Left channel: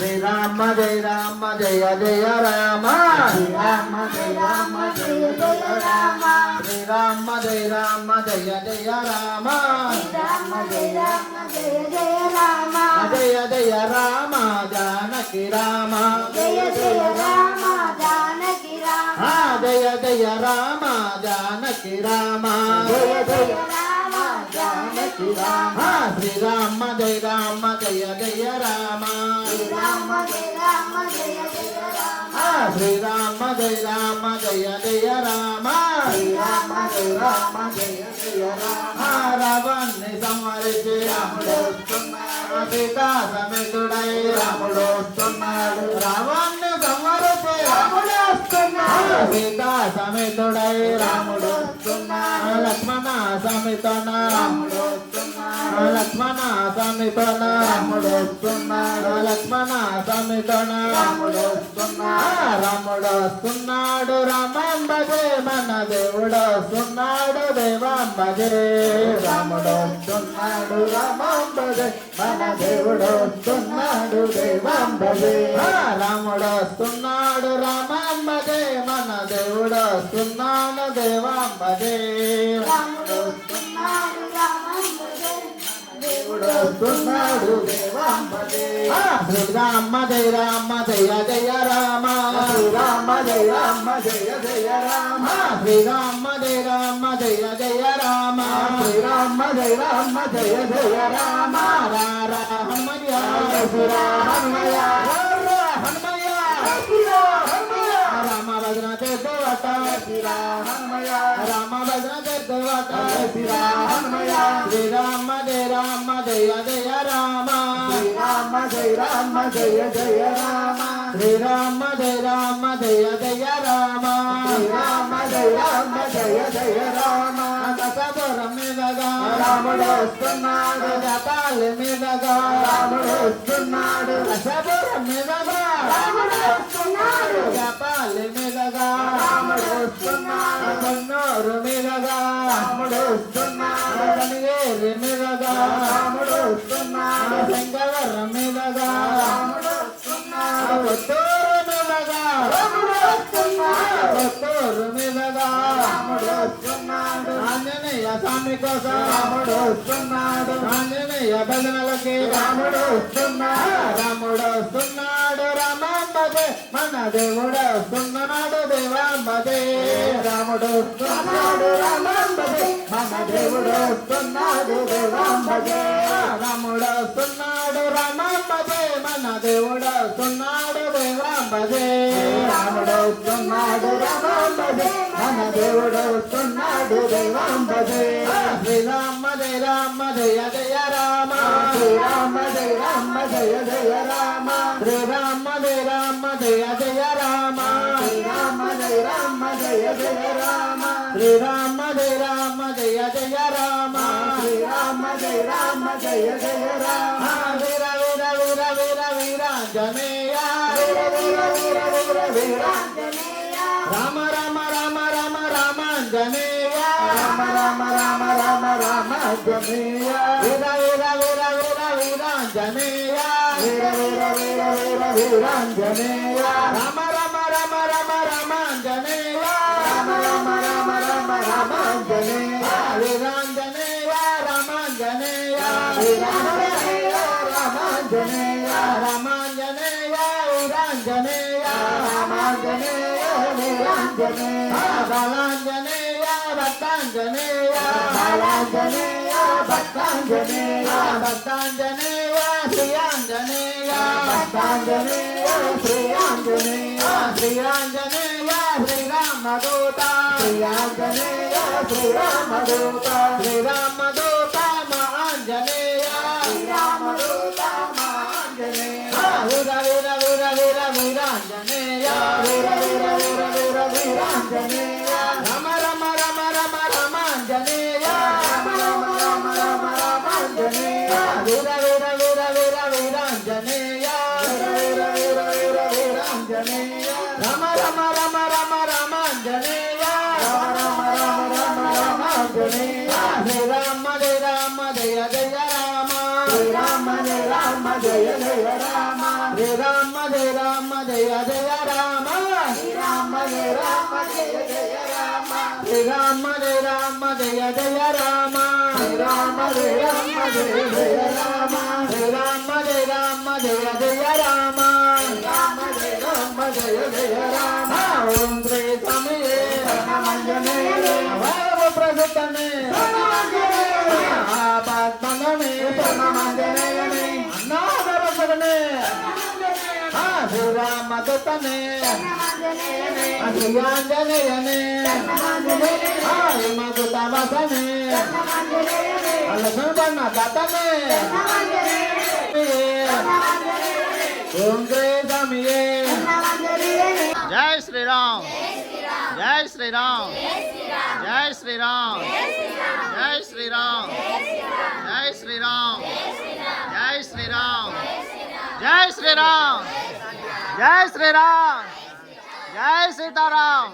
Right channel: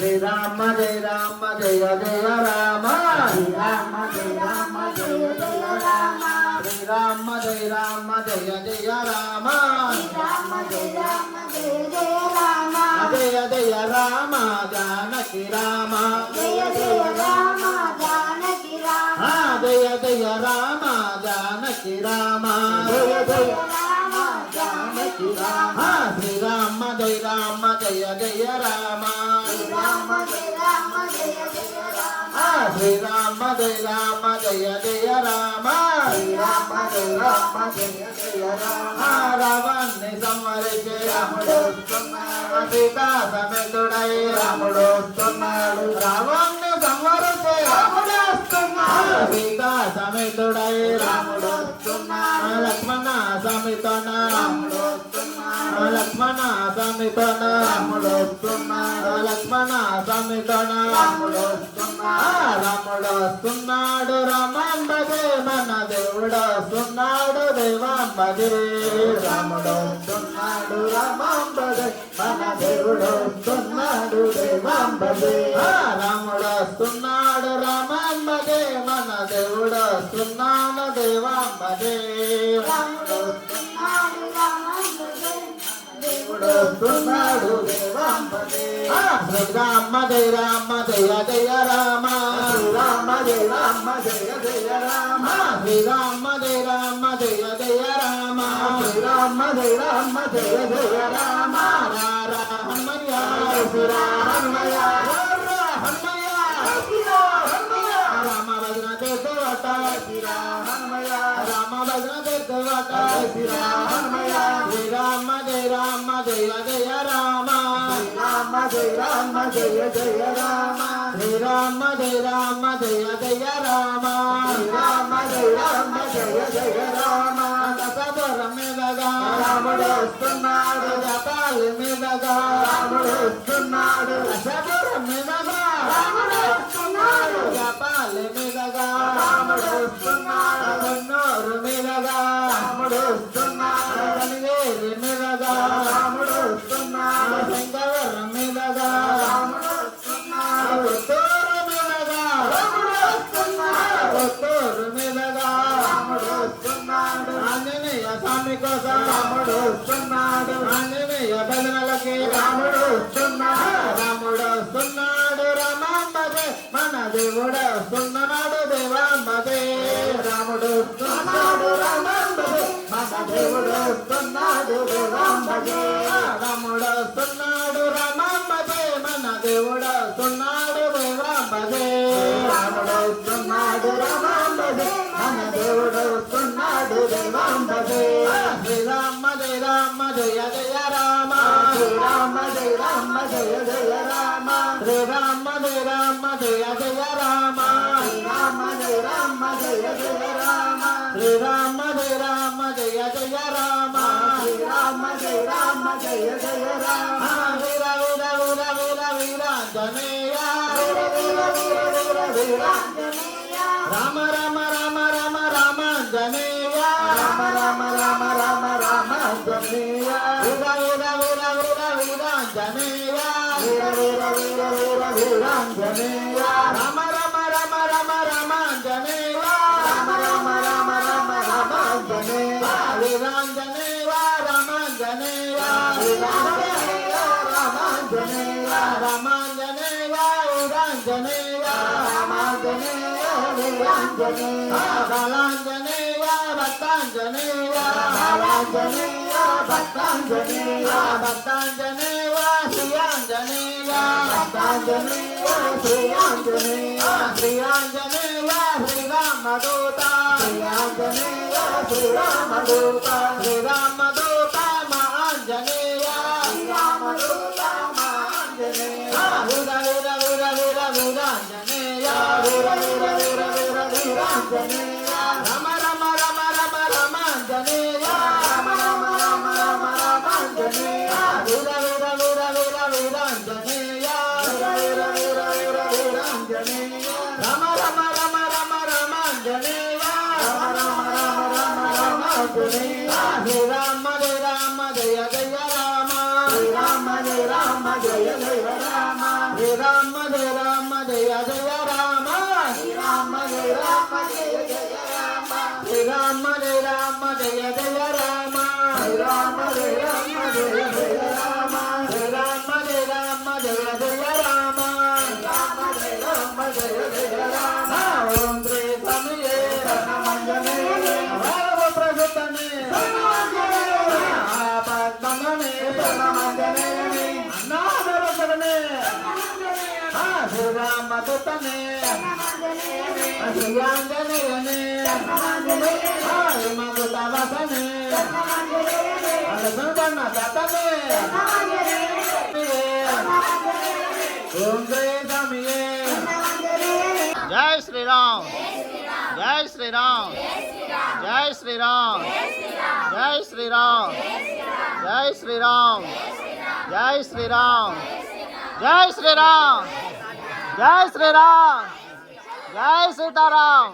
శ్రీరామ జయ రామ జయ జయ రామ శ్రీరామ జయ రామ జయ జయ రామ శ్రీరామ జయ రామ జయ జయ రామ శ్రీరామ జయ రామ జయ జయ రామ జయ జయ రామ జానకి రామ జయ జయ రామ జానకి రామ జయ జయ రామ జానకి రామ జయ జయ రామ జానకి రామ శ్రీరామ జయ రామ జయ జయ రామ శ్రీరామ జయ రామ జయ జయ రామ శ్రీరామ జయ రామ జయ జయ రామ శ్రీరామ జయ రామ జయ జయ రామ రావణ్ణి సంహరించే రాముడు వస్తున్నాడు సీతా సమేతుడై రాముడు వస్తున్నాడు రావణ్ణి సంహరించే రాముడు వస్తున్నాడు సీతా సమేతుడై రాముడు వస్తున్నాడు లక్ష్మణ సమితన రాముడు వస్తున్నాడు లక్ష్మణ సమితన రాముడు వస్తున్నాడు లక్ష్మణ సమితన రాముడు వస్తున్నాడు రాముడు వస్తున్నాడు రామాంబదే మన దేవుడు వస్తున్నాడు దేవాంబదే రాముడు వస్తున్నాడు రామాంబదే మన దేవుడు వస్తున్నాడు దేవాంబదే రాముడు వస్తున్నాడు రామాంబదే మన దేవుడు వస్తున్నాడు దేవాంబదే రాముడు వస్తున్నాడు రామాంబదే దేవుడు వస్తున్నాడు దేవాంబదే శ్రీరామ జయ రామ జయ జయ రామ శ్రీరామ జయ రామ జయ జయ రామ శ్రీరామ జయ రామ జయ జయ రామ శ్రీరామ జయ రామ జయ జయ రామ హనుమయ్య హనుమయ్య రామ భజన తీర్థవట హనుమయ్య రామ భజన తీర్థవట హనుమయ్య శ్రీరామ జయ రామ జయ జయ రామ శ్రీరామ జయ రామ జయ జయ రామ శ్రీరామ జయ రామ జయ జయ రామ శ్రీరామ జయ రామ జయ జయ రామ దశపురం మీదగా రాముడు వస్తున్నాడు జపాలి మీదగా రాముడు వస్తున్నాడు దశపురం మీదగా రాముడు వస్తున్నాడు జపాలి మీదగా రాముడు వస్తున్నాడు కన్నూరు మీదగా రాముడు వస్తున్నాడు కనివేరి మీదగా రాముడు వస్తున్నాడు శంకవరం మీదగా రాముడు వస్తున్నాడు కొత్తూరు మీదగా రాముడు వస్తున్నాడు కొత్తూరు మీదగా రాముడు వస్తున్నాడు ఆంజనేయ స్వామి కోసం రాముడు వస్తున్నాడు ఆంజనేయ భజనలకి రాముడు వస్తున్నాడు రాముడు వస్తున్నాడు రామాంబదే మన దేవుడు వస్తున్నాడు దేవాంబదే రాముడు వస్తున్నాడు రామాంబదే మన దేవుడు వస్తున్నాడు దేవాంబదే రాముడు వస్తున్నాడు రామాంబదే మన దేవుడు వస్తున్నాడు దేవాంబదే రాముడు వస్తున్నాడు రామాంబదే మన దేవుడు వస్తున్నాడు దేవాంబదే శ్రీరామ జయ రామ జయ జయ రామ శ్రీరామ జయ రామ జయ జయ రామ శ్రీరామ జయ రామ జయ జయ రామ శ్రీరామ జయ రామ జయ జయ రామ శ్రీరామ జయ రామ జయ జయ రామ శ్రీరామ జయ రామ జయ జయ రామ వీర వీర వీర వీర వీరాంజనేయ వీర వీర వీర వీర వీరాంజనేయ రామ రామ రామ రామ రామాంజనేయ రామ రామ రామ రామ రామాంజనేయ వీర వీర వీర వీర వీరాంజనేయ వీర వీర వీర వీర వీరాంజనేయ రామ రామ రామ రామ రామాంజనేయ రామ రామ రామ రామ రామాంజనేయ వీరాంజనేయ రామాంజనేయ వీరాంజనేయ రామాంజనేయ రామాంజనేయ వీరాంజనేయ రామాంజనేయ వీరాంజనేయ బాలాంజనేయ భక్తాంజనేయ బాలాంజనేయ భక్తాంజనేయ భక్తాంజనేయ శ్రీయాంజనేయ భక్తాంజనేయ శ్రీయాంజనేయ శ్రీయాంజనేయ శ్రీరామదూత శ్రీయాంజనేయ శ్రీరామదూత శ్రీరామదూత మా ఆంజనేయ శ్రీరామదూత మాంజనేయ వీర వీర వీర వీర వీరాంజనేయ వీర వీర వీర వీర వీరాంజనేయ రమ రమ రమ రమ రమాంజనేయ రామ రామ రామ రామ రామాంజనేయ వీర వీర వీర వీర వీరాంజనేయ వీర వీర వీర వీర వీరాంజనేయ రమ రమ రమ రమ రమాంజనేయ రామ రామ రామ రామ రామాంజనేయ శ్రీరామ జయ రామ జయ జయ రామ శ్రీరామ జయ రామ జయ జయ రామ జయ రామ జయ రామ జయ జయ రామ శ్రీరామ జయ రామ జయ జయ రామ జయ రామ జయ రామ జయ జయ రామ శ్రీరామ జయ రామ జయ జయ రామ జయ రామ జయ రామ జయ జయ రామ రామ జయ రామ జయ జయ రామ ఓం శ్రీ స్వామియే ధనమంజనేయ భావ ప్రసన్నమే ఆపద్మనమే ధనమంజనేయ అన్నాదరసమే శ్రీరామ దత్తమే శ్రీయాంజనేయనే హిమదుతవసమే అలసుబన్న దత్తమే ఓం జయ స్వామియే జై శ్రీరామ్ జై శ్రీరామ్ జై శ్రీరామ్ జై శ్రీరామ్ జై శ్రీరామ్ జై శ్రీరామ్ జై శ్రీరామ్ జై శ్రీరామ్ జై సీతారాం